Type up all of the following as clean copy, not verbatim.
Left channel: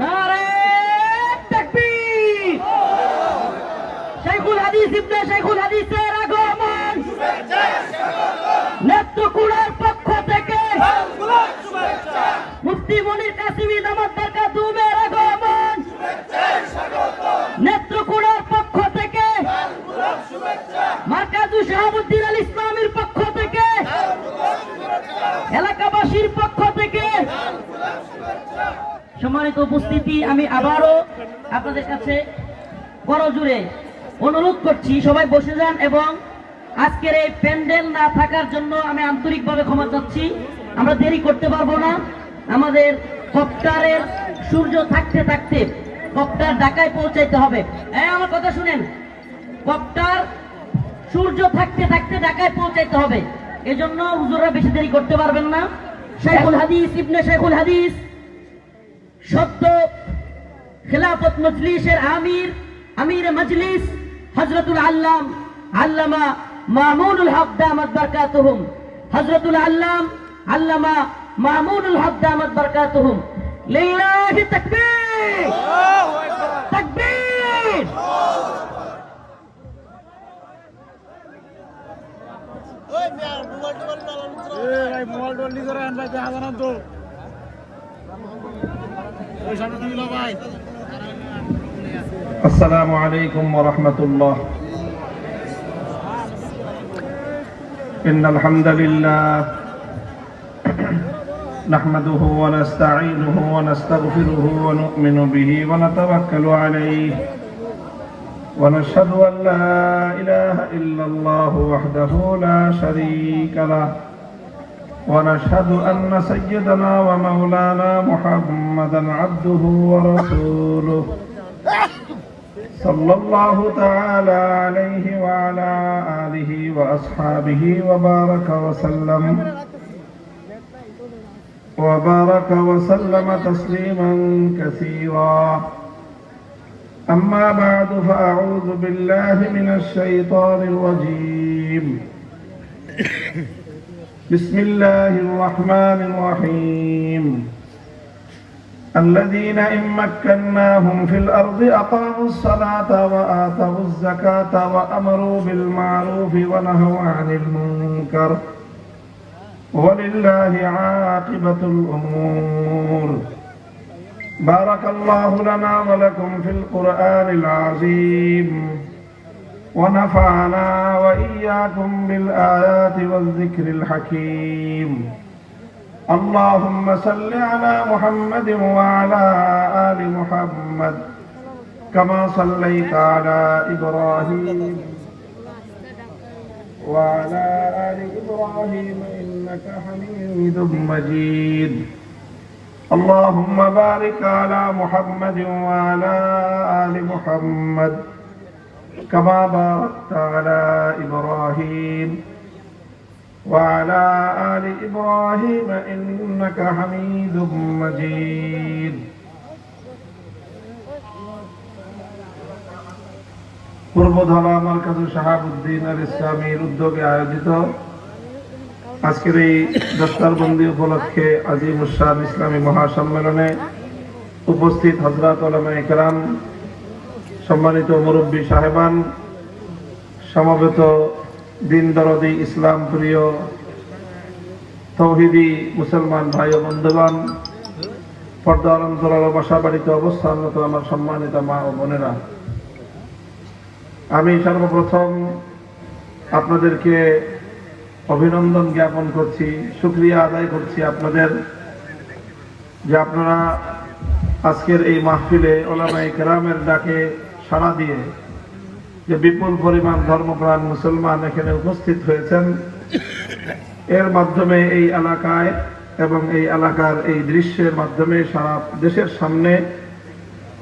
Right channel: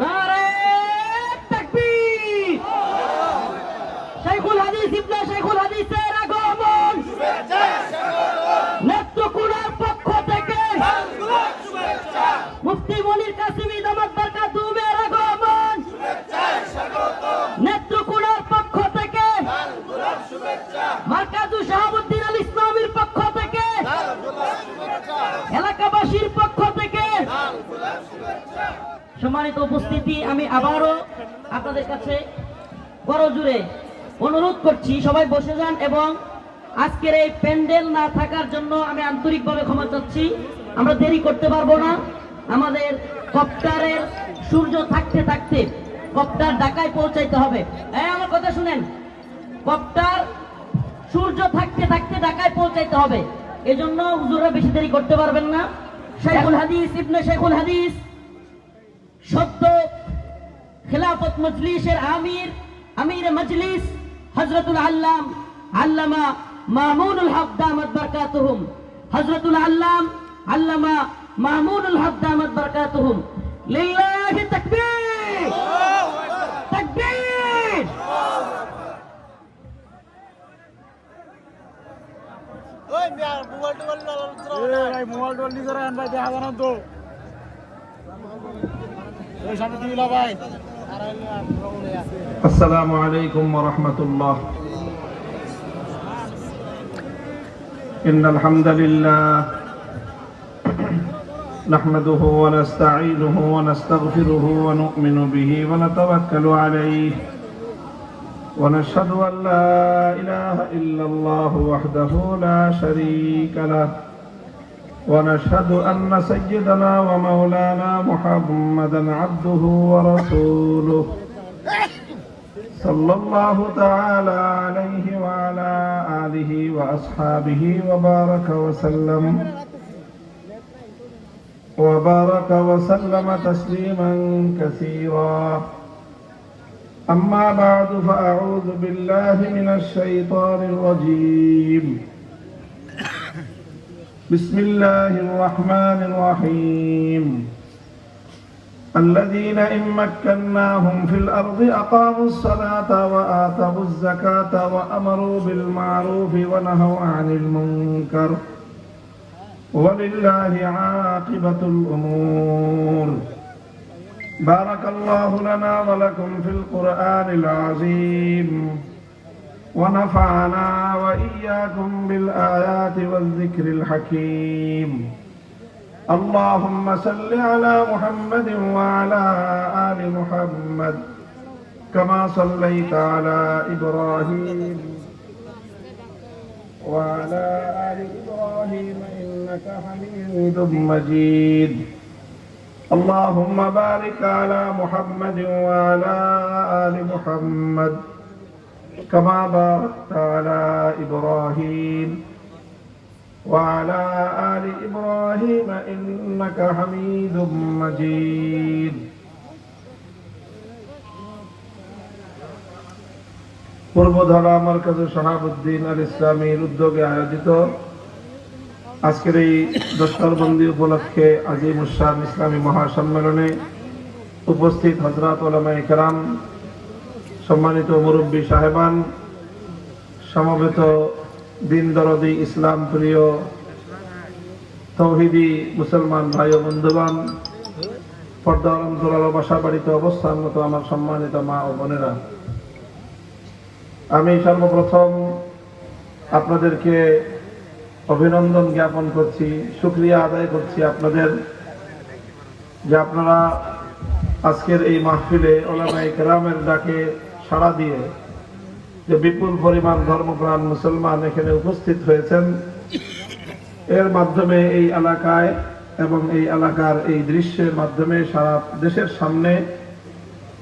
নারে তাকবীর! শাইখুল হাদিস ইবনে শাইখুল হাদিসের আগমন নেত্রকোনার পক্ষ থেকে মুফতি মনির কাসিমি দামাত বরকাতুহুমের আগমন নেত্রকোনার পক্ষ থেকে মার্কাজু শাহাবুদ্দিন আল ইসলামের পক্ষ থেকে এলাকাবাসীর পক্ষ থেকে সম্মানিত উপস্থিতি, আমি আবারও আপনাদের কাছে বড় জোরে অনুরোধ করছি সবাই বসে যান এবং আজকের এই প্যান্ডেল না থাকার জন্য আমি আন্তরিকভাবে ক্ষমা চাচ্ছি। আমরা দেরি করতে পারবো না। আমাদের কপ্টারের সূর্য থাকতে থাকতে কপ্টার ঢাকায় পৌঁছাইতে হবে। আমার কথা শুনেন, কপ্টার সূর্য থাকতে থাকতে ঢাকায় পৌঁছাইতে হবে। এজন্য হুজুররা বেশি দেরি করতে পারবেন না। শাইখুল হাদিস ইবনে শাইখুল হাদিস সদ্য খিলাফত মজলিসের আমির মজলিস হযরতুল আল্লাম আল্লামা মামুনুল হক দামাত বরকাতুহুম, হযরতুল আল্লাম আল্লামা মামুনুল হক দামাত বরকাতুহুম। লিল্লাহি তাকবীর! আল্লাহু আকবার! তাকবীর! ওই মিয়ার মোবাইল টোবাইল করে আনবা দেখা জানান তো ওই সামনে দিলা ভাই। السلام عليكم ورحمة الله. إن الحمد لله نحمده ونستعينه ونستغفره ونؤمن به ونتوكل عليه ونشهد أن لا إله إلا الله وحده لا شريك له ونشهد أن سيدنا ومولانا محمدا عبده ورسوله صلى الله تعالى عليه وعلى آله وأصحابه وبارك وسلم تسليما كثيرا. أما بعد فأعوذ بالله من الشيطان الرجيم. بسم الله الرحمن الرحيم. الذين إن مكناهم في الأرض أقاموا الصلاة وآتوا الزكاة وأمروا بالمعروف ونهوا عن المنكر ولله عاقبة الأمور. بارك الله لنا ولكم في القرآن العظيم ونفعنا وإياكم بالآيات والذكر الحكيم. اللهم صل على محمد وعلى آل محمد كما صليت على إبراهيم وعلى آل إبراهيم إنك حميد مجيد. اللهم بارك على محمد وعلى آل محمد كما باركت على إبراهيم وعلى آل إبراهيم إنك حميد مجيد. পূর্বধলা মার্কাজু শাহাবুদ্দিন আল ইসলামীর উদ্যোগে আয়োজিত আজকের এই দস্তারবন্দি উপলক্ষে আজিমুস শান ইসলামী মহাসম্মেলনে উপস্থিত হযরত উলামায়ে কেরাম, সম্মানিত মুরব্বী সাহেবান, সমবেত দিন দরদি ইসলাম প্রিয় তৌহিদি মুসলমান ভাই ও বন্ধুগণ, পর্দার অন্তরাল বাসা বাড়িতে অবস্থানরত আমার সম্মানিত মা ও বোনেরা, আমি সর্বপ্রথম আপনাদেরকে অভিনন্দন জ্ঞাপন করছি, শুকরিয়া আদায় করছি আপনাদের যে আপনারা আজকের এই মাহফিলে উলামায়ে কেরামের ডাকে সাড়া দিয়ে যে বিপুল পরিমাণ ধর্মপ্রাণ মুসলমান এখানে উপস্থিত হয়েছেন, এর মাধ্যমে এই এলাকায় এবং এই এলাকার এই দৃশ্যের মাধ্যমে সারা দেশের সামনে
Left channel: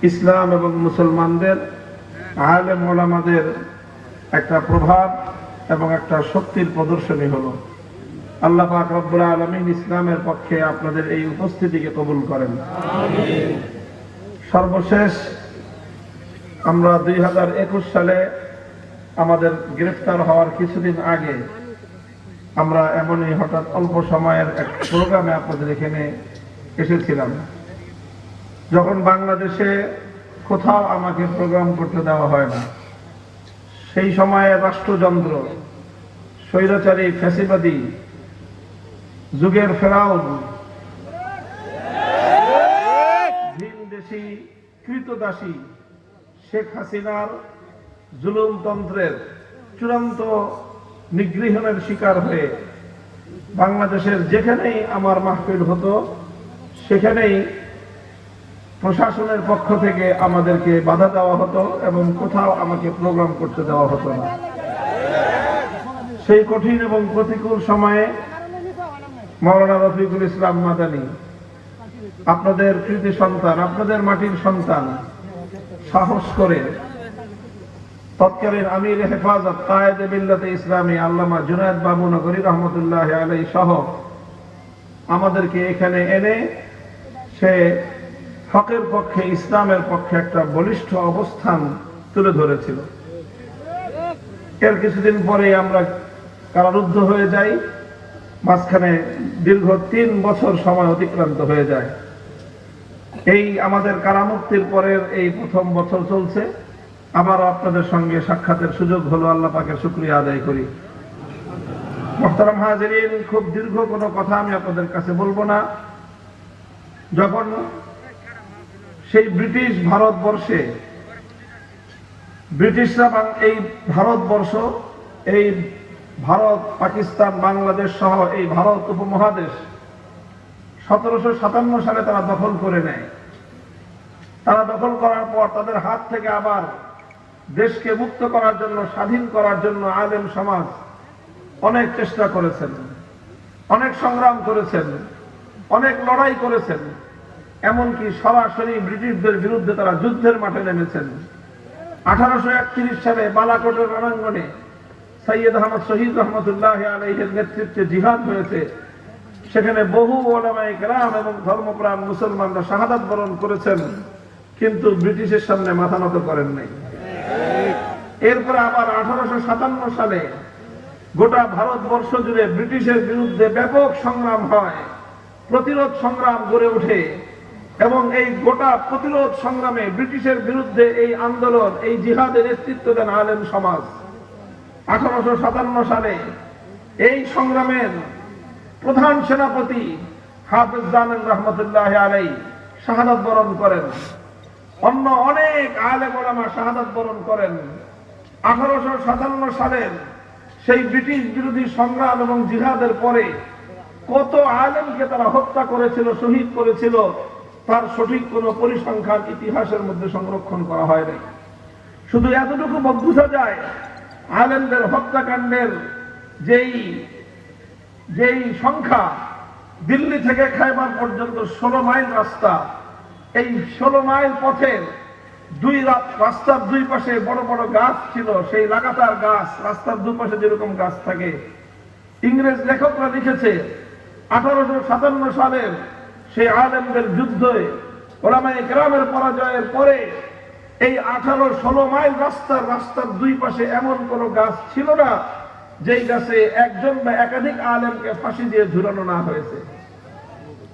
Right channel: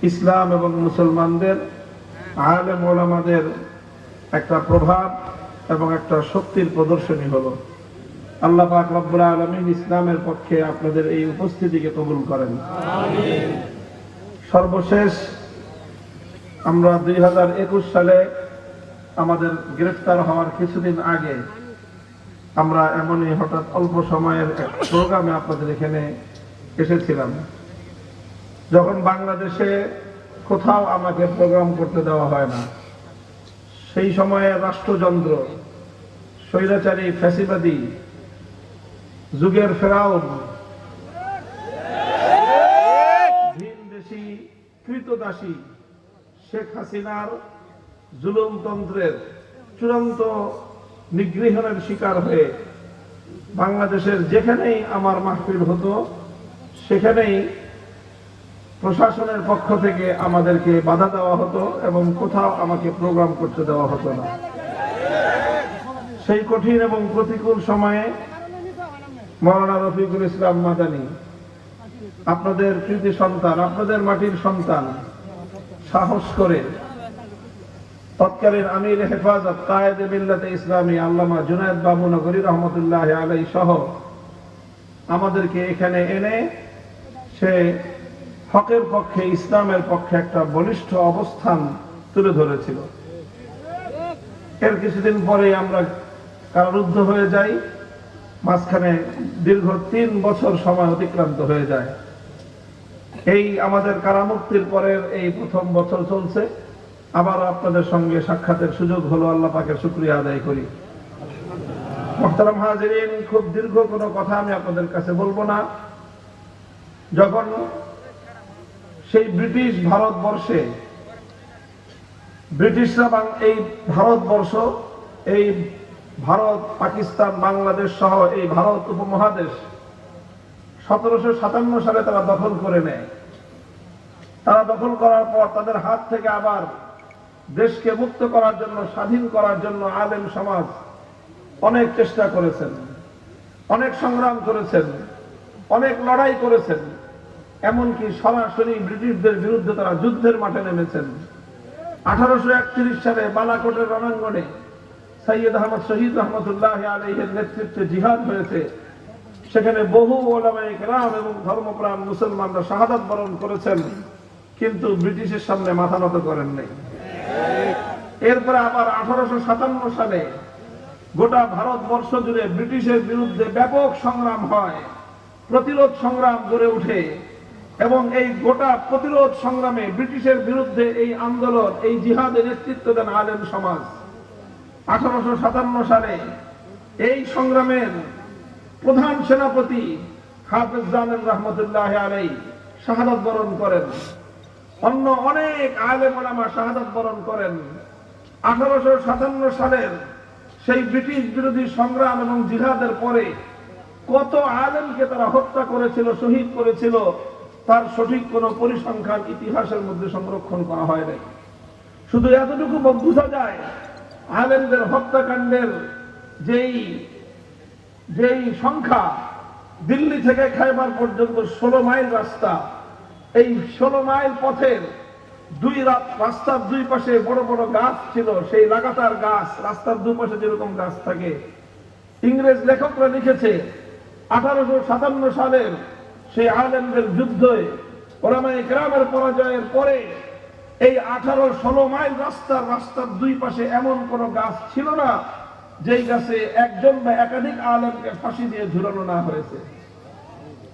ইসলাম এবং মুসলমানদের আলেম ওলামাদের একটা প্রভাব এবং একটা শক্তির প্রদর্শনী হলো। আল্লাহ পাক রব্বুল আলামিন ইসলামের পক্ষে আপনাদের এই উপস্থিতিকে কবুল করেন। আমিন। সর্বশেষ আমরা 2021 সালে আমাদের গ্রেফতার হওয়ার কিছুদিন আগে আমরা এমনই হঠাৎ অল্প সময়ের এক প্রোগ্রামে আপনাদের এখানে এসেছিলাম। যখন বাংলাদেশে কোথাও আমাকে প্রোগ্রাম করতে দেওয়া হয় না, সেই সময়ে রাষ্ট্রযন্ত্র, স্বৈরাচারী ফ্যাসিবাদী যুগের ফেরাউন, ভিনদেশী কৃতদাসী শেখ হাসিনার জুলুমতন্ত্রের চূড়ান্ত নিগৃহণের শিকার হয়ে বাংলাদেশের যেখানেই আমার মাহফিল হতো সেখানেই প্রশাসনের পক্ষ থেকে আমাদেরকে বাধা দেওয়া হতো এবং কোথাও আমাকে প্রোগ্রাম করতে দেওয়া হতো না। সেই কঠিন এবং প্রতিকূল সময়ে মাওলানা রফিকুল ইসলাম মাদানী, আপনাদের কৃতি সন্তান, আপনাদের মাটির সন্তান, সাহস করে তৎকালীন আমির হেফাজত কায়েদে মিল্লাতে ইসলামী আল্লামা জুনায়েদ বাবু নগরী রহমতুল্লাহ আলাইহি সহ আমাদেরকে এখানে এনে সে হকের পক্ষে, ইসলামের পক্ষে একটা বলিষ্ঠ অবস্থান তুলে ধরেছিল। এর কিছুদিন পরেই আমরা কারারুদ্ধ হয়ে যাই, মাঝখানে দীর্ঘ 3 বছর সময় অতিক্রান্ত হয়ে যায়। এই আমাদের কারামুক্তির পরের এই প্রথম বছর চলছে, আবার আপনাদের সঙ্গে সাক্ষাতের সুযোগ হলো, আল্লাহ পাকের শুকরিয়া আদায় করি। মুহতারাম হাজিরিন, খুব দীর্ঘ কোনো কথা আমি আপনাদের কাছে বলবো না। যখন সেই ব্রিটিশ ভারতবর্ষে, ব্রিটিশরা এই ভারতবর্ষ, এই ভারত, পাকিস্তান, বাংলাদেশ সহ এই ভারত উপমহাদেশ 1757 সালে তারা দখল করে নেয়। তারা দখল করার পর তাদের হাত থেকে আবার দেশকে মুক্ত করার জন্য, স্বাধীন করার জন্য আলেম সমাজ অনেক চেষ্টা করেছেন, অনেক সংগ্রাম করেছেন, অনেক লড়াই করেছেন, এমনকি সরাসরি ব্রিটিশদের বিরুদ্ধে তারা যুদ্ধের মাঠে নেমেছেন। 1831 সালে বালাকোটের রণাঙ্গনে সৈয়দ আহমদ শহীদ রহমতুল্লাহ আলাইহির নেতৃত্বে জিহাদ হয়েছে। সেখানে বহু ওলামায়ে কেরাম এবং ধর্মপ্রাণ মুসলমানরা শাহাদাত বরণ করেছেন, কিন্তু ব্রিটিশের সামনে মাথা নত করেন নাই। এরপরে আবার 1857 সালে গোটা ভারতবর্ষ জুড়ে ব্রিটিশের বিরুদ্ধে ব্যাপক সংগ্রাম হয়, প্রতিরোধ সংগ্রাম গড়ে ওঠে এবং এই গোটা প্রতিরোধ সংগ্রামে ব্রিটিশের বিরুদ্ধে এই আন্দোলন, এই জিহাদের নেতৃত্ব দেন আলেম সমাজ। 1857 সালে এই সংগ্রামের প্রধান সেনাপতি হাফিজ জামিল রহমতুল্লাহ আলাইহি শাহাদাত বরণ করেন, অন্য অনেক আলেম ওলামা শাহাদাত বরণ করেন। 1857 সালের সেই ব্রিটিশ বিরোধী সংগ্রাম এবং জিহাদের পরে কত আলেমকে তারা হত্যা করেছিল, শহীদ করেছিল, তার সঠিক কোনো পরিসংখ্যান ইতিহাসের মধ্যে সংরক্ষণ করা হয় নাই। শুধু এতটুকু বোঝা যায়, আলেমদের হত্যাকাণ্ডের যেই সংখ্যা, দিল্লি থেকে খাইবার পর্যন্ত 16 মাইল রাস্তা, এই 16 মাইল পথের রাস্তার দুই পাশে বড় বড় গাছ ছিল, সেই লাগাতার গাছ, রাস্তার দুপাশে যেরকম গাছ থাকে। ইংরেজ লেখকরা লিখেছে 1857 সালের সেই আলেমদের যুদ্ধে, ওলামায়ে কেরামের পরাজয়ের পরে এই 18-16 মাইল রাস্তার দুই পাশে এমন কোন গাছ ছিল না যেই গাছে একজন বা একাধিক আলেমকে ফাঁসি দিয়ে ঝুলানো না হয়েছে।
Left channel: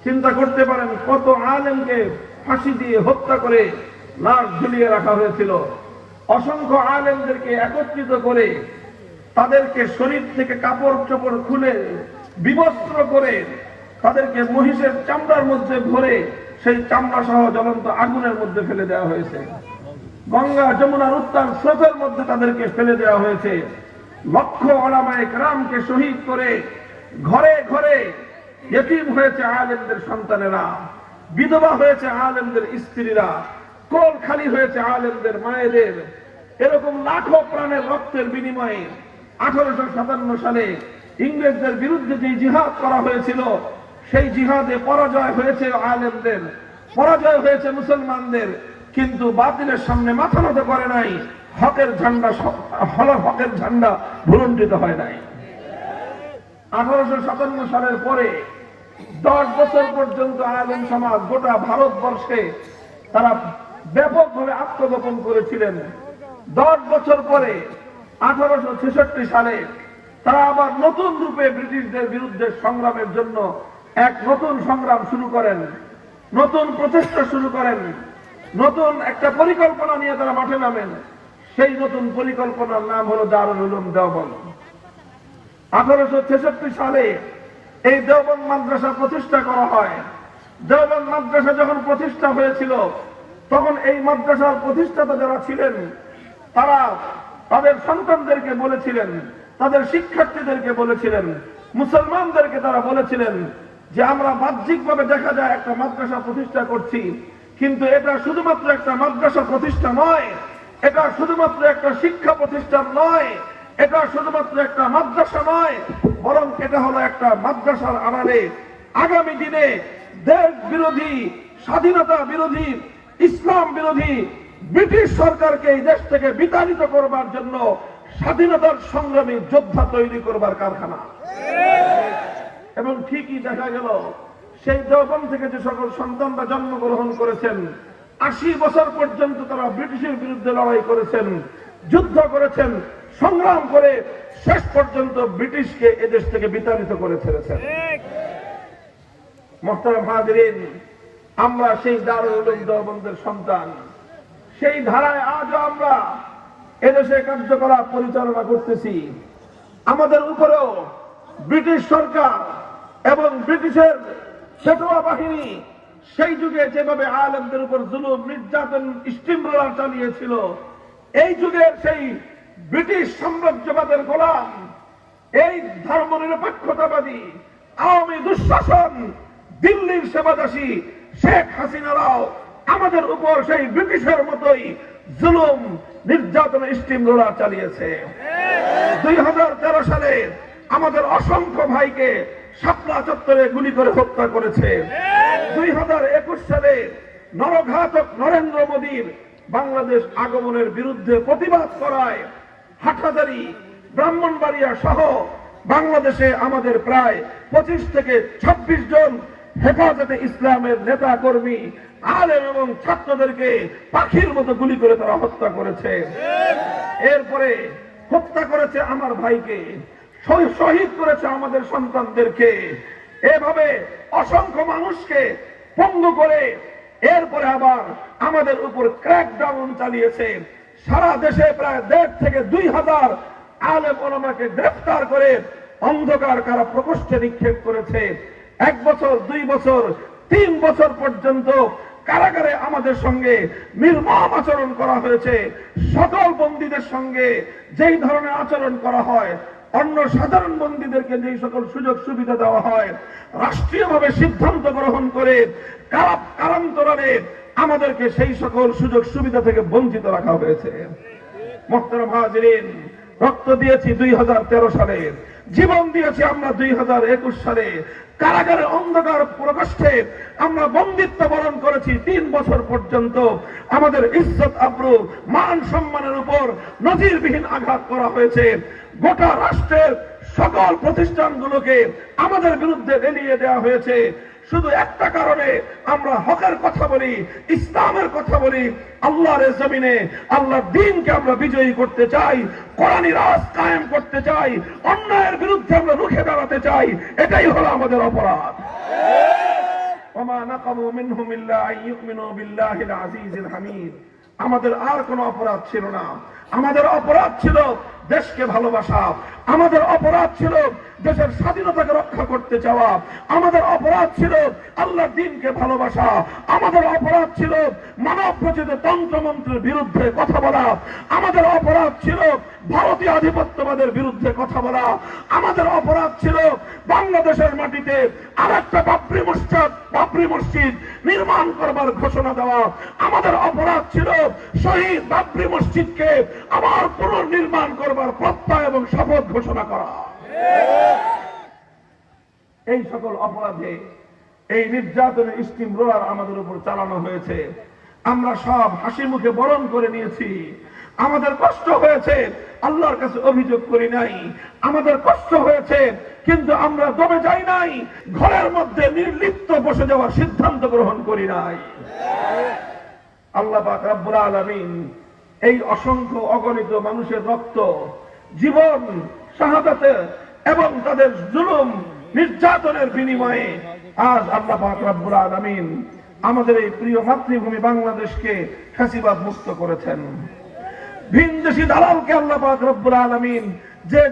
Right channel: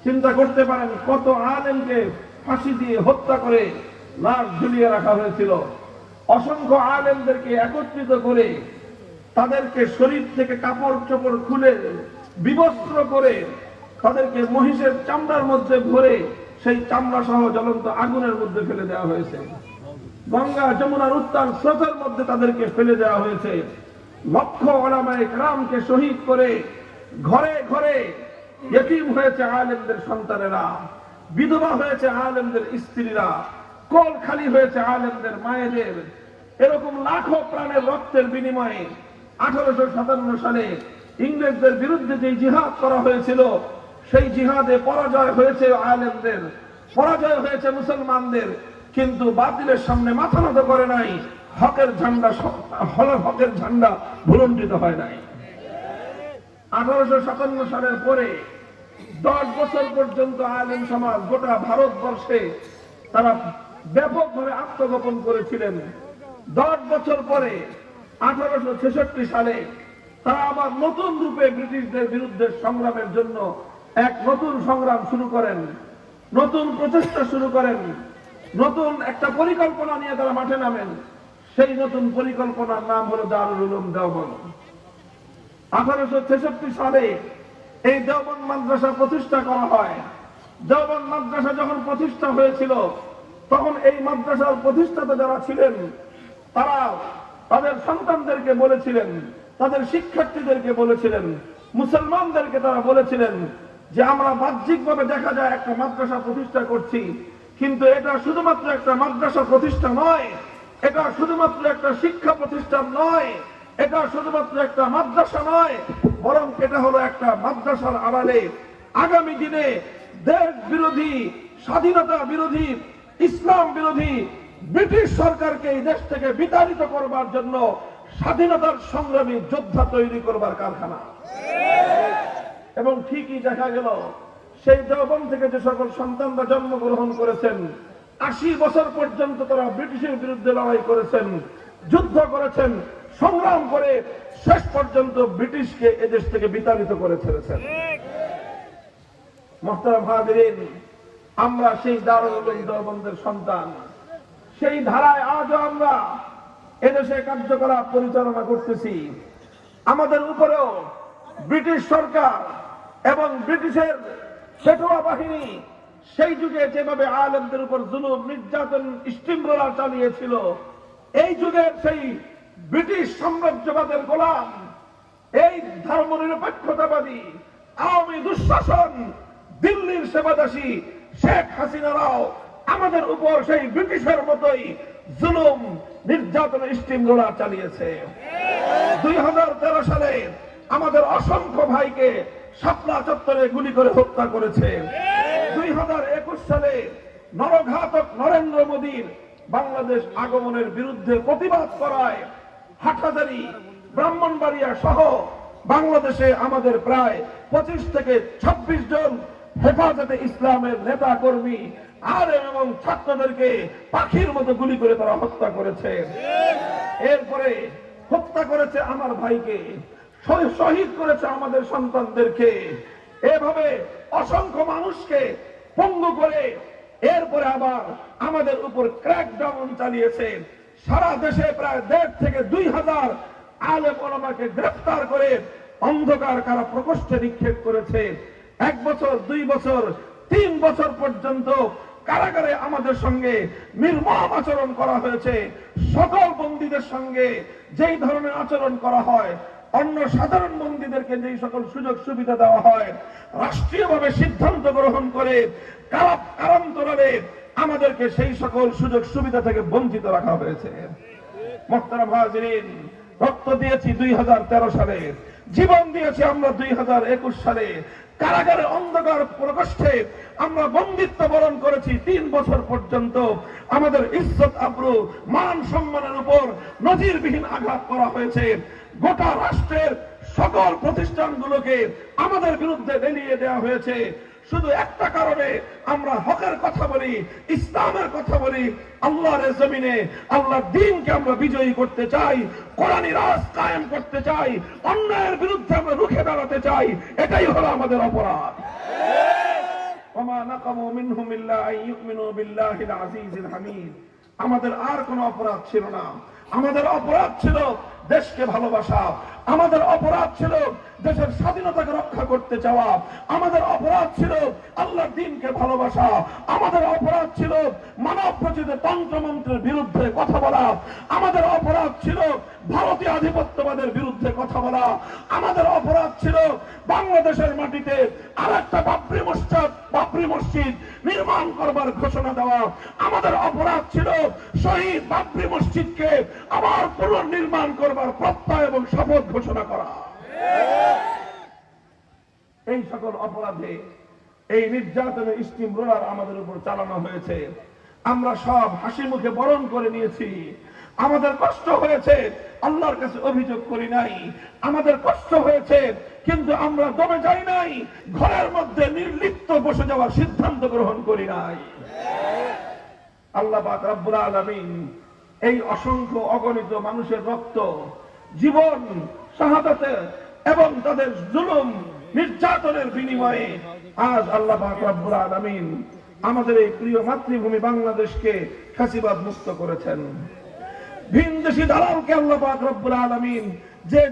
চিন্তা করতে পারেন কত আলেমকে ফাঁসি দিয়ে হত্যা করে লাশ ঝুলিয়ে রাখা হয়েছিল। অসংখ্য আলেমদেরকে একত্রিত করে তাদেরকে শরীর থেকে কাপড় চোপড় খুলে বিবস্ত্র করে তাদেরকে মহিষের চামড়ার মধ্যে ভরে সেই চামড়া সহ জ্বলন্ত আগুনের মধ্যে ফেলে দেওয়া হয়েছে। গঙ্গা যমুনার উত্তাল স্রোতের মধ্যে তাদেরকে ফেলে দেওয়া হয়েছে। লক্ষ ওলামায়ে কেরামকে শহীদ করে ঘরে ঘরে ইতিম হয়েছে আলেমদের সন্তানেরা, বিধবা হয়েছে আলেমদের স্ত্রীরা, কোল খালি হয়েছে আলেমদের মায়েদের। এরকম লাখো প্রাণের রক্তের বিনিময়ে 1857 সালে ইংরেজদের বিরুদ্ধে যে জিহাদ করা হয়েছিল, সেই জিহাদে পরাজয় হয়েছে আলেমদের, পরাজয় হয়েছে মুসলমানদের, কিন্তু বাতিলের সামনে মাথা নত করে নাই। হকের ঝান্ডা ভুলুণ্ঠিত হয় নাই। 1857 সালের পরে 10 বছর পর্যন্ত আলেম সমাজ গোটা ভারতবর্ষে তারা ব্যাপকভাবে আত্মগোপন করেছিলেন। 10 বছর পরে 1866 সালে তারা আবার নতুন রূপে ব্রিটিশদের বিরুদ্ধে সংগ্রামের জন্য এক নতুন সংগ্রাম শুরু করেন। নতুন প্রচেষ্টা শুরু করেন, নতুন একটা পরিকল্পনা নিয়ে তারা মাঠে নামেন। সেই নতুন পরিকল্পনার নাম হলো দারুল উলুম দেওবন্দ। 1866 সালে এই দেওবন্দ মাদ্রাসা প্রতিষ্ঠা করা হয়। দেওবন্দ মাদ্রাসা যখন প্রতিষ্ঠা হয়েছিল, তখন এই মাদ্রাসার প্রতিষ্ঠাতা যারা ছিলেন, তারা তাদের সন্তানদেরকে বলেছিলেন, তাদের শিক্ষার্থীদেরকে বলেছিলেন, মুসলমানদেরকে তারা বলেছিলেন যে আমরা বাহ্যিকভাবে দেখা যায় একটা মাদ্রাসা প্রতিষ্ঠা করছি, কিন্তু এটা শুধুমাত্র একটা মাদ্রাসা প্রতিষ্ঠা নয়, এটা শুধুমাত্র একটা শিক্ষা প্রতিষ্ঠান নয়, এটা শুধুমাত্র একটা মাদ্রাসা নয়, বরং এটা হলো একটা মাদ্রাসার আড়ালে আগামী দিনে দেশ বিরোধী, স্বাধীনতা বিরোধী, ইসলাম বিরোধী ব্রিটিশ সরকারকে এই দেশ থেকে বিতাড়িত করবার জন্য স্বাধীনতার সংগ্রামী যোদ্ধা তৈরি করবার কারখানা। এবং ঠিকই দেখা গেল, সেই দেওবন্দ থেকে যে সকল সন্তানরা জন্মগ্রহণ করেছেন, 80 বছর পর্যন্ত তারা ব্রিটিশের বিরুদ্ধে লড়াই করেছেন, যুদ্ধ করেছেন, সংগ্রাম করে শেষ পর্যন্ত ব্রিটিশকে এদেশ থেকে বিতাড়িত করে ছেড়েছেন। মোহতারাম হাজিরিন, আমরা সেই দারুল উলুম দেওবন্দের সন্তান। সেই ধারায় আজও আমরা এদেশে কার্যকলাপ পরিচালনা করতেছি। আমাদের উপরেও ব্রিটিশ সরকার এবং ব্রিটিশের পেটোয়া বাহিনী সেই যুগে যেভাবে আলেমদের উপর জুলুম, নির্যাতন, স্টিমরোলার চালিয়েছিল, এই যুগের সেই ব্রিটিশ সাম্রাজ্যবাদের গোলাম, এই ধর্মনিরপেক্ষতাবাদী আওয়ামী দুঃশাসন দিল্লির সেবাদাসী শেখ হাসিনারাও আমাদের উপর সেই ব্রিটিশের মতোই জুলুম, নির্যাতন, স্টিমরোলার চালিয়েছে। 2013 সালে আমাদের অসংখ্য ভাইকে শাপলা চত্বরে গুলি করে হত্যা করেছে। 2021 সালে নরঘাতক নরেন্দ্র মোদীর বাংলাদেশ আগমনের বিরুদ্ধে প্রতিবাদ করায় হাটহাজারী, ব্রাহ্মণবাড়িয়া সহ বাংলাদেশে আমাদের প্রায় 25 থেকে 26 জন হেফাজতে ইসলামের নেতা কর্মী, আলেম এবং ছাত্রদেরকে পাখির মতো গুলি করে তারা হত্যা করেছে। এরপরে হত্যা করেছে আমার ভাইকে, শহীদ করেছে আমাদের সন্তানদেরকে, এভাবে অসংখ্য মানুষকে পঙ্গু করে এরপরে আবার আমাদের উপর ক্র্যাকডাউন চালিয়েছে। সারা দেশে প্রায় 1.5 থেকে 2,000 আলেম ওলামাকে গ্রেফতার করে অন্ধকার কারা প্রকোষ্ঠে নিক্ষেপ করেছে। 1 বছর, 2 বছর, 3 বছর পর্যন্ত কারাগারে আমাদের সঙ্গে নির্মম আচরণ করা হয়েছে। সকল বন্দীদের সঙ্গে যেই ধরনের আচরণ করা হয়, অন্য সাধারণ বন্দীদেরকে যেই সকল সুযোগ সুবিধা দেওয়া হয়, রাষ্ট্রীয়ভাবে সিদ্ধান্ত গ্রহণ করে কারান্তরালে আমাদেরকে সেই সকল সুযোগ সুবিধা থেকে বঞ্চিত রাখা হয়েছে। মোহতারাম হাজিরিন, রক্ত দিয়েছি 2013 সালে, জীবন দিয়েছি আমরা 2021 সালে। কারাগারে অন্ধকার প্রকোষ্ঠে আমরা বন্দিত্ব বরণ করেছি 3 বছর পর্যন্ত। আমাদের ইজ্জত, আবরু, মান সম্মানের উপর নজিরবিহীন আঘাত করা হয়েছে। গোটা রাষ্ট্রের সকল প্রতিষ্ঠানগুলোকে আমাদের বিরুদ্ধে লেলিয়ে দেওয়া হয়েছে। শুধু একটা কারণে আমরা হকের কথা বলি, ইসলামের কথা বলি, আল্লাহর জমিনে আল্লাহর দ্বীনকে আমরা বিজয়ী করতে চাই, কোরআনী রাজ কায়েম করতে চাই, অন্যায়ের বিরুদ্ধে আমরা রুখে দাঁড়াতে চাই। এটাই হলো আমাদের অপরাধ। ওমা নাকামু মিনহুম ইল্লা আন ইউমিনু বিল্লাহিল আজিজিল হামিদ। আমাদের আর কোনো অপরাধ ছিল না। আমাদের অপরাধ ছিল দেশকে ভালোবাসা, আমাদের অপরাধ ছিল দেশের স্বাধীনতাকে রক্ষা করতে চাওয়া, আমাদের অপরাধ ছিল আল্লাহর দ্বীনকে ভালোবাসা, আমাদের অপরাধ ছিল মানব রচিত তন্ত্রমন্ত্রের বিরুদ্ধে কথা বলা, আমাদের অপরাধ ছিল ভারতীয় আধিপত্যবাদের বিরুদ্ধে কথা বলা, আমাদের অপরাধ ছিল বাংলাদেশের মাটিতে আরেকটা বাবরি মসজিদ নির্মাণ করবার ঘোষণা দেওয়া, আমাদের অপরাধ ছিল শহীদ বাবরি মসজিদকে আবার পুনর্নির্মাণ করবার প্রত্যয় এবং শপথ ঘোষণা করা। এই সকল অপরাধে এই নির্যাতনের স্টিম রোলার আমাদের উপর চালানো হয়েছে। আমরা সব হাসি মুখে বরণ করে নিয়েছি। আমাদের কষ্ট হয়েছে, আল্লাহর কাছে অভিযোগ করি নাই। আমাদের কষ্ট হয়েছে, কিন্তু আমরা দমে যাই নাই, ঘরের মধ্যে নির্লিপ্ত বসে যাওয়ার সিদ্ধান্ত গ্রহণ করি নাই। আল্লাহ পাক রব্বুল আলামিন এই অসংখ্য অগণিত মানুষের রক্ত, জীবন, শাহাদাতে এবং তাদের জুলুম, নির্যাতনের বিনিময়ে আজ আল্লাহ পাক রব্বুল আলামিন আমাদের এই প্রিয় মাতৃভূমি বাংলাদেশকে ফ্যাসিবাদ মুক্ত করেছেন। ভিনদেশী দালালকে আল্লাহ পাক রব্বুল আলামিন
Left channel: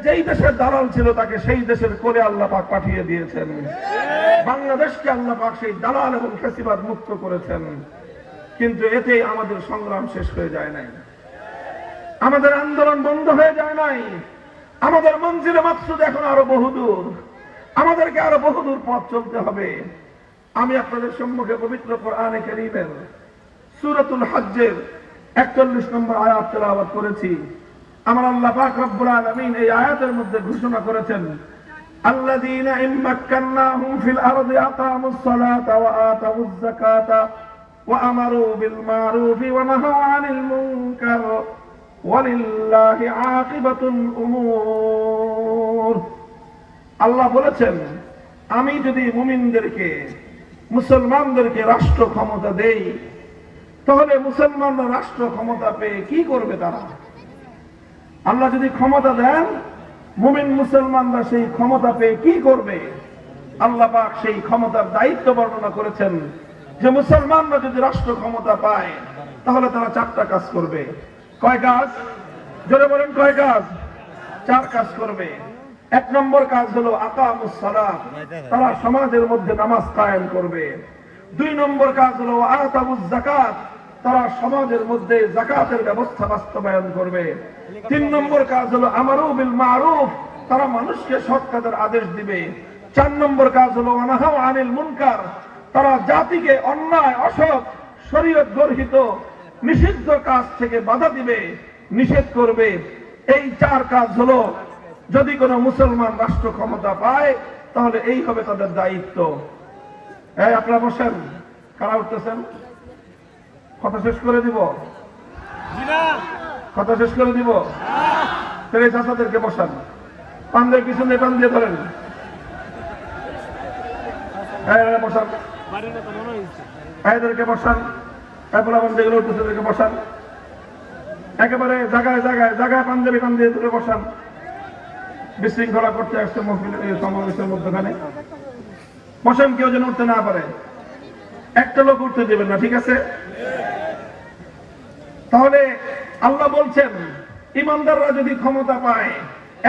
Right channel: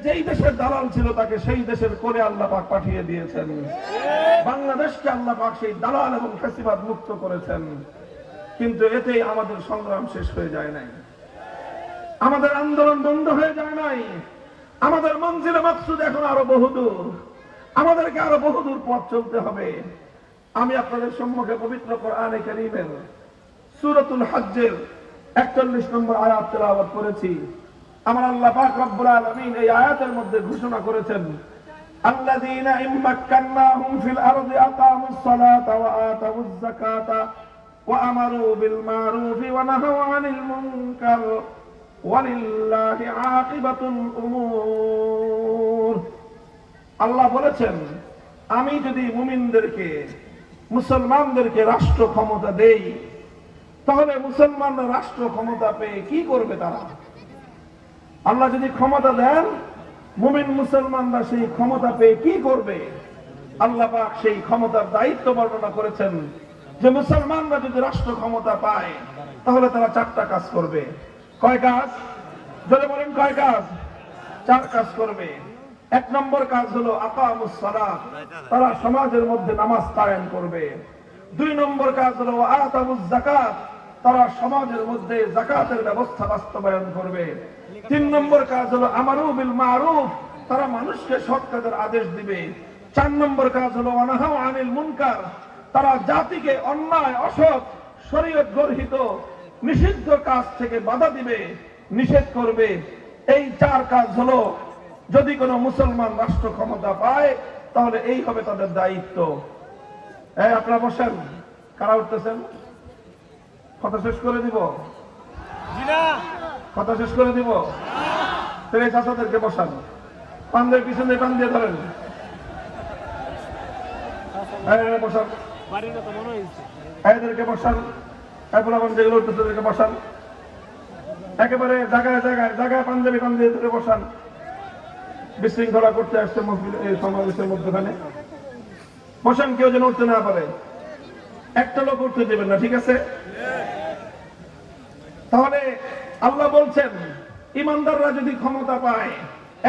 যেই দেশের দালাল ছিল তাকে সেই দেশের কোলে আল্লাহ পাক পাঠিয়ে দিয়েছেন। বাংলাদেশকে আল্লাহ পাক সেই দালাল এবং ফ্যাসিবাদ মুক্ত করেছেন। কিন্তু এতেই আমাদের সংগ্রাম শেষ হয়ে যায় নাই, আমাদের আন্দোলন বন্ধ হয়ে যায় নাই। আমাদের মঞ্জিলে মাকসুদ এখন আরো বহুদূর, আমাদেরকে আরো বহুদূর পথ চলতে হবে। আমি আপনাদের সম্মুখে পবিত্র কোরআনে কারীমের সূরাতুল হজ্জের 41 নম্বর আয়াত তেলাওয়াত করেছি। আমার আল্লাহ পাক রব্বুল আলামিন এই আয়াতের মধ্যে ঘোষণা করেছেন, আল্লাযীনা ইম্মাক্কান্নাহুম ফিল আরদি আকামুস সালাতা ওয়া আতাউয যাকাতা ওয়া আমারু বিল মারুফি ওয়া নাহাউ আনিল মুনকার ওয়ালিল্লাহি আকিবাতুল উমুর। আল্লাহ বলেছেন, আমি যদি মুমিনদেরকে, মুসলমানদেরকে রাষ্ট্র ক্ষমতা দেই, তাহলে মুসলমানরা রাষ্ট্র ক্ষমতা পেয়ে কি করবে? তারা, আল্লাহ যদি ক্ষমতা দেন, মুমিন মুসলমানরা সেই ক্ষমতা পেয়ে কি করবে? আল্লাহ পাক সেই ক্ষমতার দায়িত্ব বর্ণনা করেছেন যে মুসলমানরা যদি রাষ্ট্র ক্ষমতা পায় তাহলে তারা 4টা কাজ করবে। কয় কাজ? জোরে বলেন, কয় কাজ? 4 কাজ করবে। 1 নম্বর কাজ হলো আকামুস সালাত, তারা সমাজের মধ্যে নামাজ কায়েম করবে। 2 নম্বর কাজ হলো আতাউয যাকাত, তারা সমাজের মধ্যে যাকাতের ব্যবস্থা বাস্তবায়ন করবে। 3 নম্বর কাজ হলো আমারু বিল মারুফ, তারা মানুষকে সৎ কাজের আদেশ দিবে। 4 নম্বর কাজ হলো ওয়া নাহাউ আনিল মুনকার, তারা জাতিকে অন্যায়, অসৎ, শরীয়ত গর্হিত নিষিদ্ধ কাজ থেকে বাধা দিবে, নিষেধ করবে। এই 4 কাজ হলো যদি কোনো মুসলমান রাষ্ট্র ক্ষমতা পায় তাহলে এই হবে তাদের দায়িত্ব। এই আপনারা বসেন, কারা উঠতেছেন? কথা শেষ করে দিব? কথা শেষ করে দিব? তাহলে চাচাদেরকে বসান, পানদের পিছনে টান দিয়ে ধরেন, বসান, এদেরকে বসান, যেগুলো উঠতেছে এদেরকে বসান, একেবারে জায়গায় জায়গায় জায়গায় পাঞ্জাবি টান দিয়ে ধরে বসান। বিশৃঙ্খলা করতে আসছে সমাবেশের মধ্যখানে। বসান, কেউ যেন উঠতে না পারে, একটা লোক উঠতে দেবেন না, ঠিক আছে? তাহলে আল্লাহ বলছেন, ইমানদাররা যদি ক্ষমতা পায়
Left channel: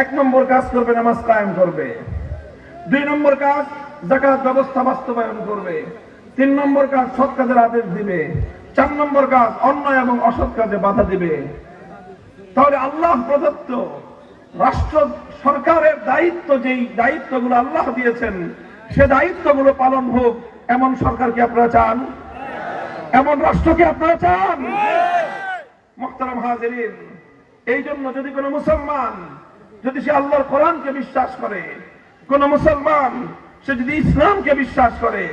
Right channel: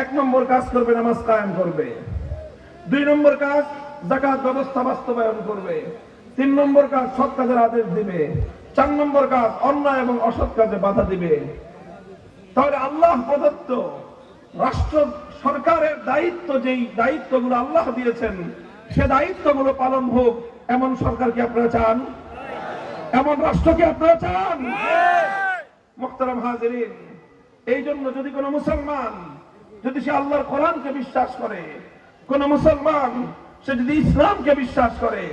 1 নম্বর কাজ করবে, নামাজ কায়েম করবে। 2 নম্বর কাজ যাকাত ব্যবস্থা বাস্তবায়ন করবে। 3 নম্বর কাজ সৎ কাজের আদেশ দিবে। 4 নম্বর কাজ অন্যায় এবং অসৎ কাজে বাধা দিবে। তাহলে আল্লাহ প্রদত্ত রাষ্ট্র সরকারের দায়িত্ব, যেই দায়িত্বগুলো আল্লাহ দিয়েছেন সে দায়িত্বগুলো পালন হোক, এমন সরকার কি আপনারা চান? এমন রাষ্ট্র কি আপনারা চান? মুহতারাম হাজিরিন, এই জন্য যদি কোনো মুসলমান, যদি সে আল্লাহর কোরআনকে বিশ্বাস করে, কোন মুসলমান সে যদি ইসলামকে বিশ্বাস করে,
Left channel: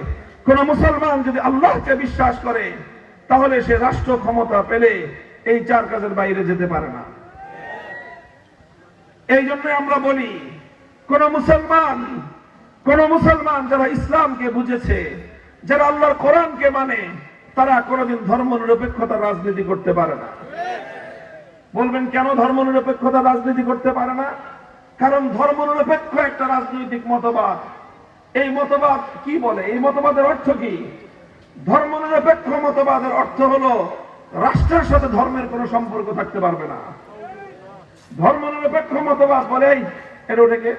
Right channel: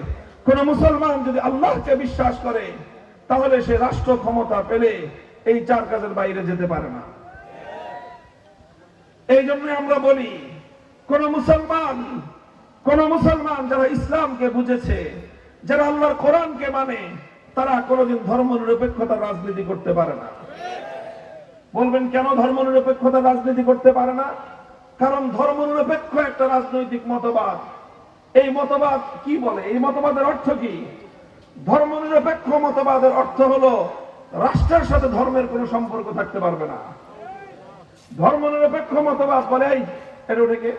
কোন মুসলমান যদি আল্লাহকে বিশ্বাস করে, তাহলে সে রাষ্ট্র ক্ষমতা পেলে এই 4 কাজের বাইরে যেতে পারে না। এই জন্য আমরা বলি, কোন মুসলমান যারা ইসলামকে বুঝেছে, যারা আল্লাহর কোরআনকে মানে, তারা কোনদিন ধর্মনিরপেক্ষতার রাজনীতি করতে পারে না। বলবেন কেন ধর্মনিরপেক্ষতার রাজনীতি করতে পারে না? কারণ ধর্মনিরপেক্ষ একটা রাজনৈতিক মতবাদ, এই মতবাদ কি বলে? এই মতবাদের অর্থ কি? ধর্মনিরপেক্ষ মতবাদের অর্থ হলো রাষ্ট্রের সাথে ধর্মের কোনো সম্পর্ক থাকতে পারবে না। ধর্মনিরপেক্ষ মতবাদ বলে, এটা ওটাকে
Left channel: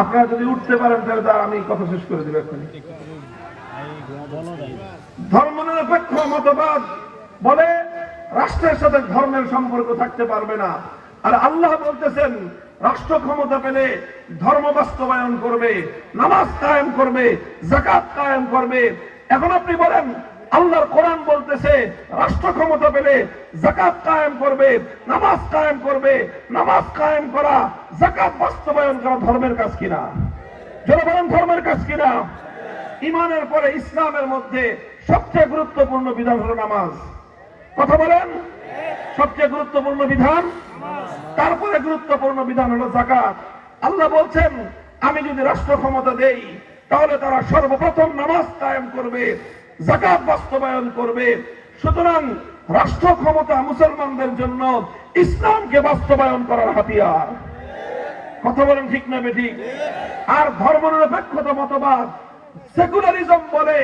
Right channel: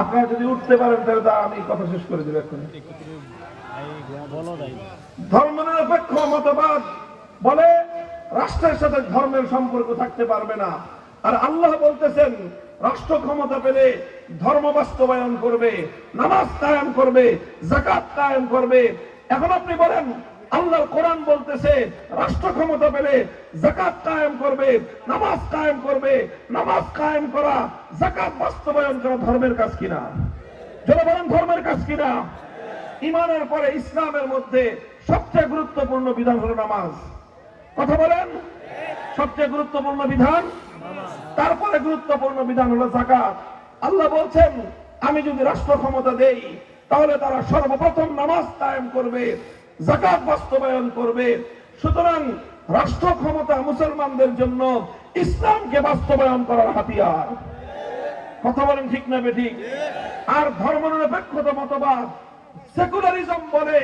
আপনারা যদি উঠতে পারেন তাহলে তা আমি কথা শেষ করে দেব এখন। ধর্মনিরপেক্ষ মতবাদ বলে রাষ্ট্রের সাথে ধর্মের সম্পর্ক থাকতে পারবে না। আর আল্লাহ বলতেছেন রাষ্ট্র ক্ষমতা পেলে ধর্ম বাস্তবায়ন করবে, নামাজ কায়েম করবে, যাকাত কায়েম করবে। এখন আপনি বলেন, আল্লাহর কোরআন বলতেছে রাষ্ট্র ক্ষমতা পেলে যাকাত কায়েম করবে, নামাজ কায়েম করবে। নামাজ কায়েম করা, যাকাত বাস্তবায়ন করা ধর্মের কাজ কিনা? যারা বলেন ধর্মের কাজ কিনা? ঈমানের পরে ইসলামের মধ্যে সবচেয়ে গুরুত্বপূর্ণ বিধান হলো নামাজ। কথা বলেন, সবচেয়ে গুরুত্বপূর্ণ বিধান, তারপরে গুরুত্বপূর্ণ বিধান হলো যাকাত। আল্লাহ বলছেন, আমি যদি রাষ্ট্র ক্ষমতা দেই তাহলে তারা সর্বপ্রথম নামাজ কায়েম করবে, যাকাত বাস্তবায়ন করবে। সুতরাং রাষ্ট্র ক্ষমতা মুসলমানদের জন্য ইসলামকে বাস্তবায়ন করার হাতিয়ার। কথা বলেন ঠিক না বেঠিক? আর ধর্মনিরপেক্ষতা মতবাদ সেকুলারিজম বলে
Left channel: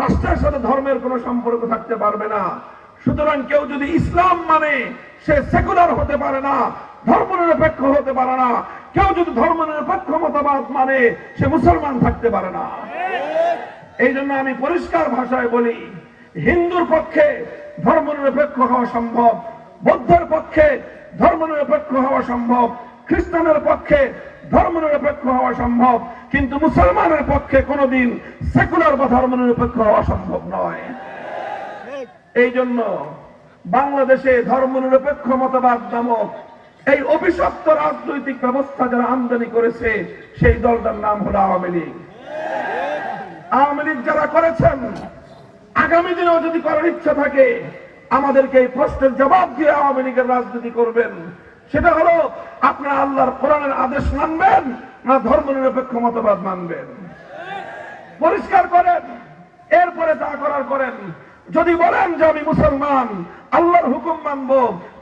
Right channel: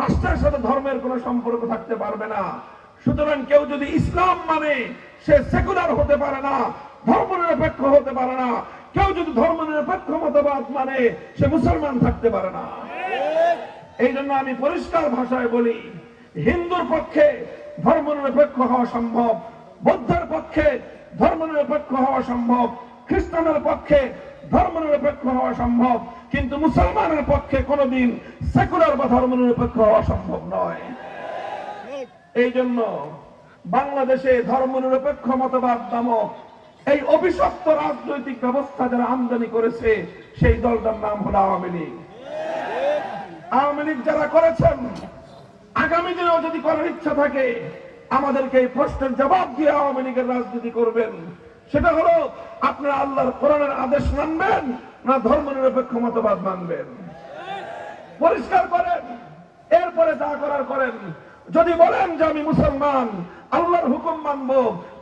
রাষ্ট্রের সাথে ধর্মের কোনো সম্পর্ক থাকতে পারবে না। সুতরাং কেউ যদি ইসলাম মানে সে সেকুলার হতে পারে না, ধর্মনিরপেক্ষ হতে পারে না। কেউ যদি ধর্মনিরপেক্ষ মতবাদ মানে সে মুসলমান থাকতে পারে না। এই জন্য আমি পরিষ্কার ভাষায় বলি, হিন্দুর পক্ষে ধর্মনিরপেক্ষ হওয়া সম্ভব, বৌদ্ধের পক্ষে ধর্মনিরপেক্ষ হওয়া সম্ভব, খ্রিস্টানের পক্ষে ধর্মনিরপেক্ষ হওয়া সম্ভব, কিন্তু মুসলমানের পক্ষে কোনোদিন সেকুলার বা ধর্মনিরপেক্ষ হওয়া সম্ভব নয়। এই জন্য বাংলাদেশে ধর্মনিরপেক্ষ মতবাদ নামক এই অভিশপ্ত রাজনৈতিক ব্যবস্থা যারা আমদানি করেছে সেই দলটার নাম হলো আওয়ামী লীগ। আওয়ামী লীগ যারা করেছেন, আগামী দিনেও যদি করার ইচ্ছা থাকে আমাদেরকে এই প্রশ্নের জবাব দিয়ে আওয়ামী লীগের রাজনীতি করবেন। সেটা হলো আপনারা আল্লাহর কোরআনের আদেশ মানবেন না ধর্মনিরপেক্ষ মতবাদ মানবেন, পরিষ্কার করেন। এরপরে যা করার করেন। যদি বলেন যে আমি মুসলমান, আল্লাহর হুকুম মানব,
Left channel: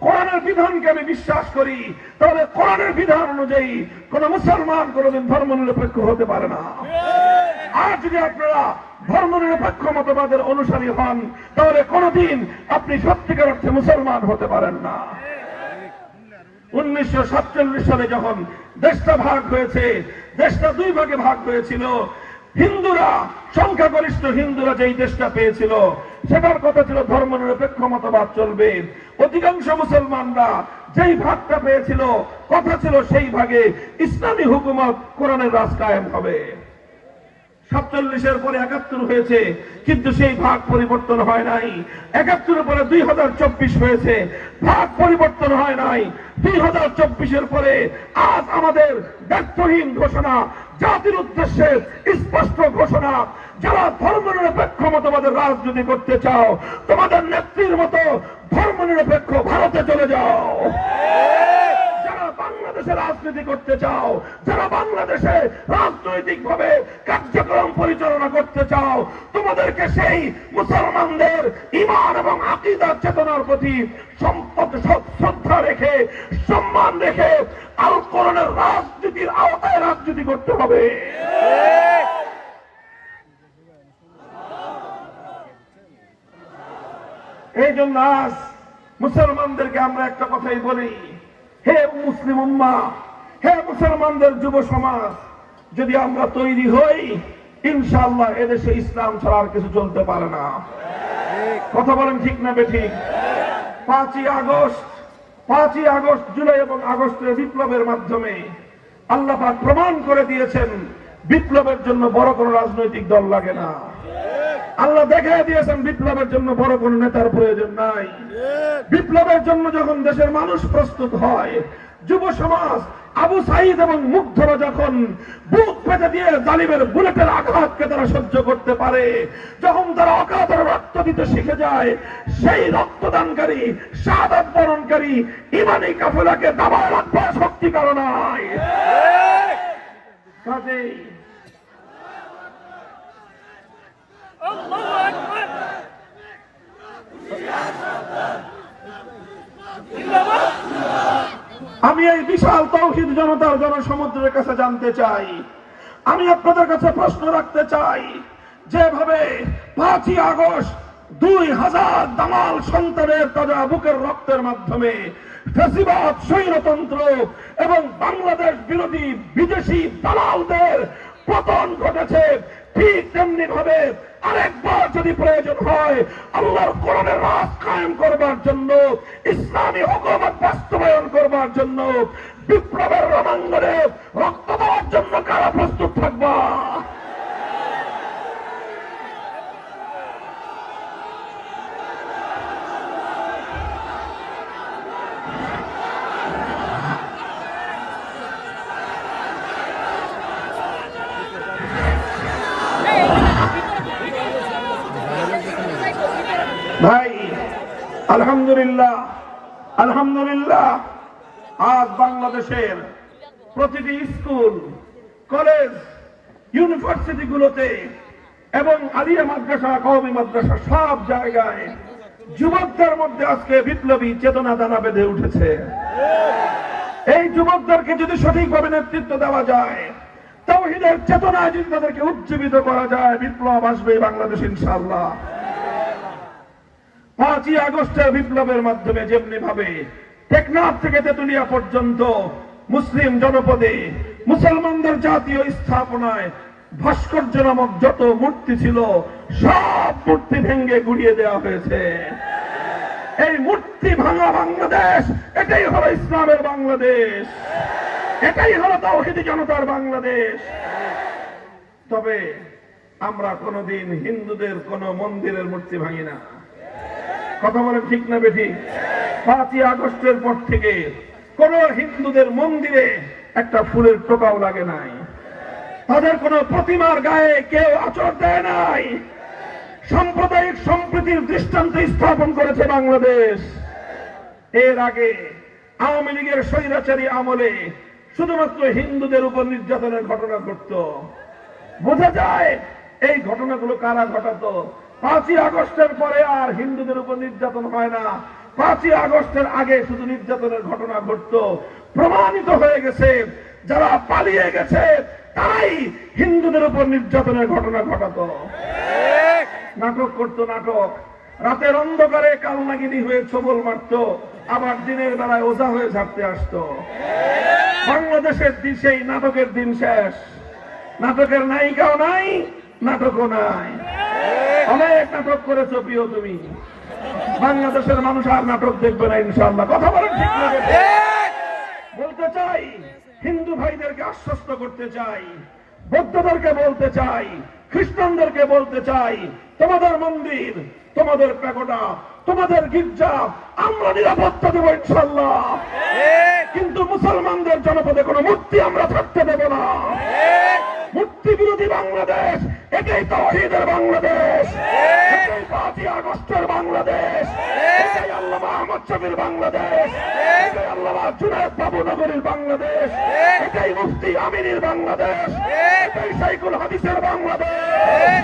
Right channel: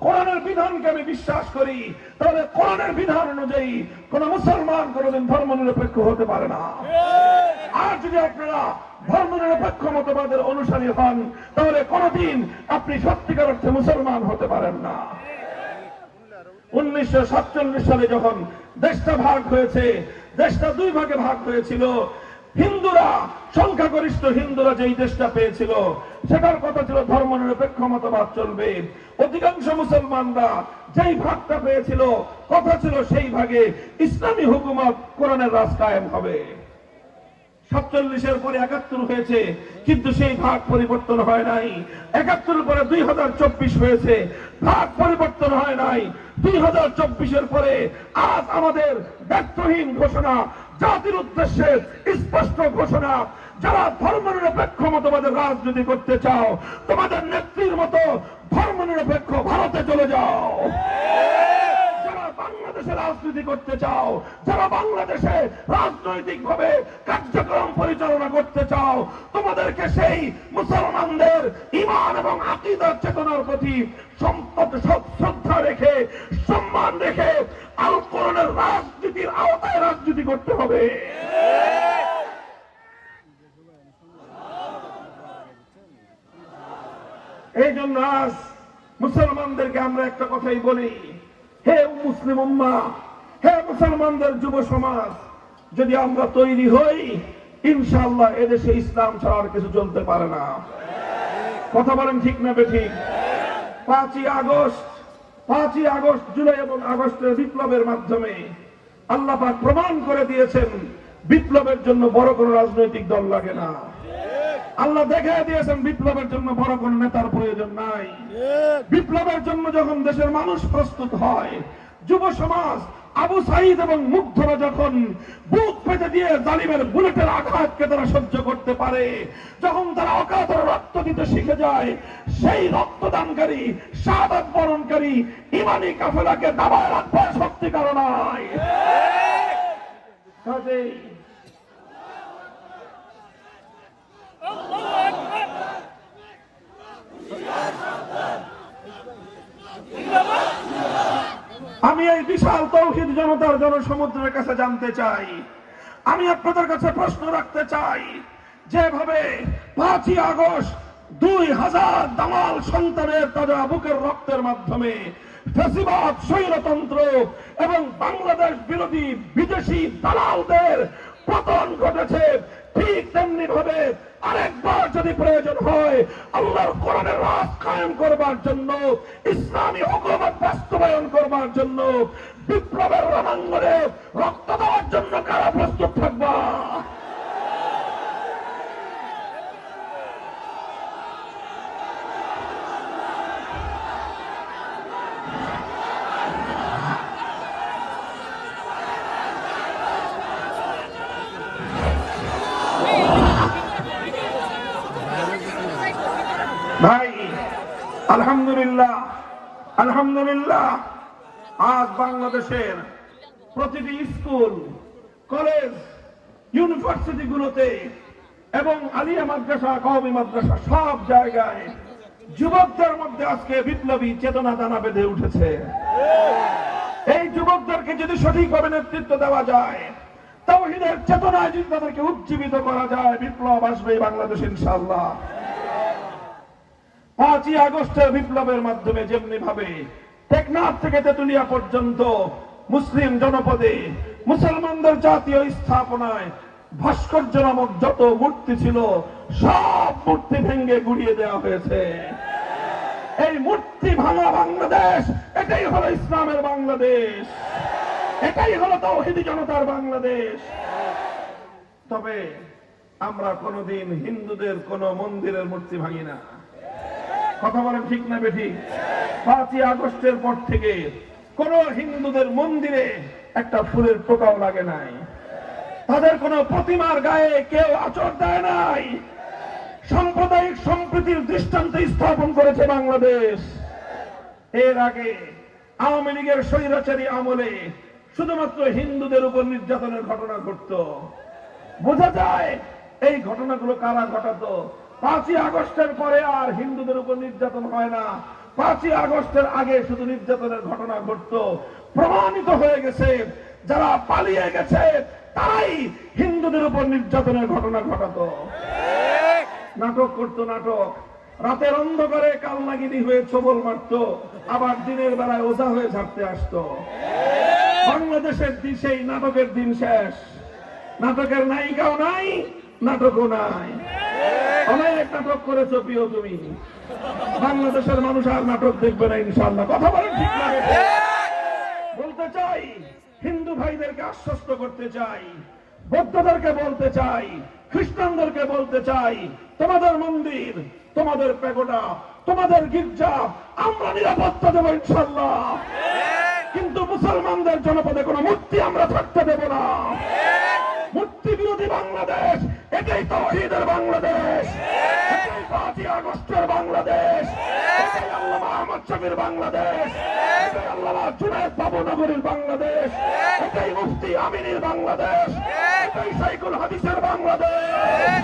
কোরআনের বিধানকে আমি বিশ্বাস করি, তাহলে কোরআনের বিধান অনুযায়ী কোন মুসলমান কোনদিন ধর্মনিরপেক্ষ হতে পারে না। আর যদি আপনারা ধর্মনিরপেক্ষ মতবাদের অনুসারী হন, তাহলে কোনদিন আপনি সত্যিকার অর্থে মুসলমান হতে পারেন না। 1947 সালে যখন দেশটা ভাগ হয়েছে, দেশটা দুই ভাগে ভাগ হয়েছিল। হিন্দুরা, সংখ্যাগরিষ্ঠ হিন্দুরা যেই দেশটা পেয়েছিল সেটার কথা ছিল ধর্মনিরপেক্ষ মতবাদ চলবে। অধিকাংশ মুসলমানরা যেই ভাগটা পেয়েছিল কথা ছিল সেই ভাগে ইসলামী হুকুমত, কোরআনের রাজ কায়েম হবে। 47-এর পরে 71 হয়েছে, কিন্তু সেই ভাগ পরিবর্তন হয় নাই। 71-এর পরে 2024 হয়েছে, ভাগ পরিবর্তন হয় নাই। 2024-এর পরে আজ আমাদের ব্যর্থহীন ঘোষণা, জাতির উদ্দেশ্যে স্পষ্ট ঘোষণা, যারা ধর্মনিরপেক্ষ মতবাদের রাজনীতি করতে চাও, তোমাদের নেত্রীর মতো ধর্মনিরপেক্ষ ভারতে চলে যাও। যারা বাংলাদেশে রাজনীতি করতে চাও, যারা বাংলাদেশে রাজনৈতিক ভাবে কার্যক্রম পরিচালনা করতে চাও, তোমাদেরকে সেই মুসলমানদের ঈমান এবং আকীদার চেতনার প্রতি শ্রদ্ধা রেখে, সম্মান রেখে আল কোরআনের রাজনীতির আওতায় রাজনীতি করতে হবে। এই জন্য আজ মুসলমানদেরকে আমরা একটা কথাই বলি, হে মুসলিম উম্মাহ, হে মুসলমানদের যুব সমাজ, যদি আমরা তৈরি হই, ইনশাআল্লাহ এদেশে ইসলাম ছাড়া আর কিছু চলতে পারে না। কথা বলেন ঠিক না বেঠিক? 5ই আগস্ট, জুলাই এবং আগস্টের বিপ্লবের মাধ্যমে আল্লাহ পাক প্রমাণ করে দিয়েছেন বিপ্লবের জন্য বড় কোন রাজনৈতিক দল লাগে না। আল্লাহ দেখিয়ে দিয়েছেন বিপ্লবের জন্য বড় কোন নেতার প্রয়োজন নাই। বিপ্লবের জন্য যখন দেশের মানুষ প্রস্তুত হয়, যুব সমাজ, আবু সাইদ এবং মুগ্ধরা যখন বুক পেতে দিয়ে জালিমের বুলেটের আঘাতকে তারা সহ্য করতে পারে, যখন তারা অকাতর রক্ত দিতে শিখে যায়, সেই রক্তদানকারী, শাহাদাত বরণকারী ইমানি কাফেলাকে দাবায় রাখবার শক্তি কারণ নাই। কাজেই আমি এই বিশাল তৌহিদ জনতার জনসমুদ্রের কাছে জানতে চাই, আমি আপনাদের কাছে প্রশ্ন রাখতে চাই, যেভাবে 5ই আগস্ট 2000 দামাল সন্তানের তাজা বুকের রক্তের মাধ্যমে ফ্যাসিবাদ, স্বৈরতন্ত্র এবং বাংলাদেশ বিরোধী বিদেশি দালালদের পতন ঘটেছে, ঠিক তেমনি ভাবে আরেকবার যদি প্রয়োজন হয় আল্লাহর কোরআনের রাজ কায়েম করবার জন্য, ইসলামী হুকুমত বাস্তবায়ন করবার জন্য, বিপ্লবের রণাঙ্গনে রক্ত দেওয়ার জন্য কারা প্রস্তুত থাকবা? ভাই, আলহামদুলিল্লাহ আজ বাংলাদেশের প্রতিটি স্কুল, কলেজ, ইউনিভার্সিটি গুলোতে এবং আলিয়া মাদ্রাসা, কওমি মাদ্রাসা, সব জায়গায় যুবকদের মধ্যে আজকে বিপ্লবী চেতনা দানা বেঁধে উঠেছে। এই যুবকদেরকে যদি সঠিকভাবে নেতৃত্ব দেওয়া যায়, তাওহীদের চেতনায় যদি তাদেরকে উজ্জীবিত করা যায়, বিপ্লব আসবে বাংলাদেশ ইনশাআল্লাহ। 5ই আগস্টের বিপ্লবের মাধ্যমে যেমনি ভাবে টেকনাফ থেকে তেতুলিয়া পর্যন্ত মুসলিম জনপদে মুসলমানদের জাতীয় স্থাপনায় ভাস্কর্য নামক যত মূর্তি ছিল সব মূর্তি ভেঙে গুড়িয়ে দেওয়া হয়েছে। এই মূর্তি ভাঙা বাংলাদেশ, এটাই হলো ইসলামের বাংলাদেশ, এটাই হলো তাওহীদি জনতার বাংলাদেশ। তবে আমরা কোনদিন হিন্দুদের কোন মন্দিরের মূর্তি ভাঙি না। কথা বলেন ঠিক না বেঠিক? 5ই আগস্টের পর থেকে কোন হিন্দুদের মন্দিরে একটা ফুলের টোকাও লাগে নাই, তাদের কোন প্রতিমার গায়ে কেউ আঁচড় দেয় নাই। সাম্প্রদায়িক সম্প্রীতির দৃষ্টান্ত স্থাপন করেছে বাংলাদেশ। এর আগে আওয়ামী লীগের স্বৈরাচারী আমলে শুধুমাত্র হিন্দুদের উপর নির্যাতনের ঘটনা ঘটত। বোঝা যায় এই ঘটনাগুলো কারা ঘটাতো। 5ই আগস্টের পরে আর হিন্দুদের উপর নির্যাতন হয় না, 5ই আগস্টের আগে শুধু নির্যাতনের ঘটনা ঘটত। প্রমাণিত হয়ে গেছে যারা পালিয়ে গেছে তারাই হিন্দুদের উপর নির্যাতনের ঘটনা ঘটাতো। নাটক করতো, নাটক। রাতের অন্ধকারে কালনাগিনী হয়ে ছবল মারত, আবার দিনের বেলায় ওঝা হয়ে ঝাড়তে আসতো। বাংলাদেশের সেই নাটকের দিন শেষ। নাটকের নায়িকাও নাই, নাটকও নাই। অনেক নাটক করেছো প্রিয় তুমি। বাংলাদেশের মানুষ আর নাটক দেখবে না ইনশাআল্লাহ। কথা বলেন ঠিক না? বলতে চাই, হিন্দু ভাইদেরকে আশ্বস্ত করতে চাই, বৌদ্ধদেরকে বলতে চাই, খ্রিস্টানদেরকে বলতে চাই, তোমাদের মন্দির, তোমাদের প্যাগোডা, তোমাদের গির্জা আমরা নিরাপত্তা দেবো ইনশাআল্লাহ, কিন্তু মুসলমানদের জনপদে কোনো মূর্তি আমরা থাকতে দেব না। মূর্তি বিরোধী বাংলাদেশ, এটাই তাওহীদের বাংলাদেশ, এটাই 5ই আগস্টের বাংলাদেশ, এটাই আল্লামা আহমদ শফীর বাংলাদেশ, এটাই আল্লামা জুনায়েদ বাবুনগরীর বাংলাদেশ, এটাই মুফতি আমিনীর বাংলাদেশ, এটাই শাইখুল হাদিসের বাংলাদেশ।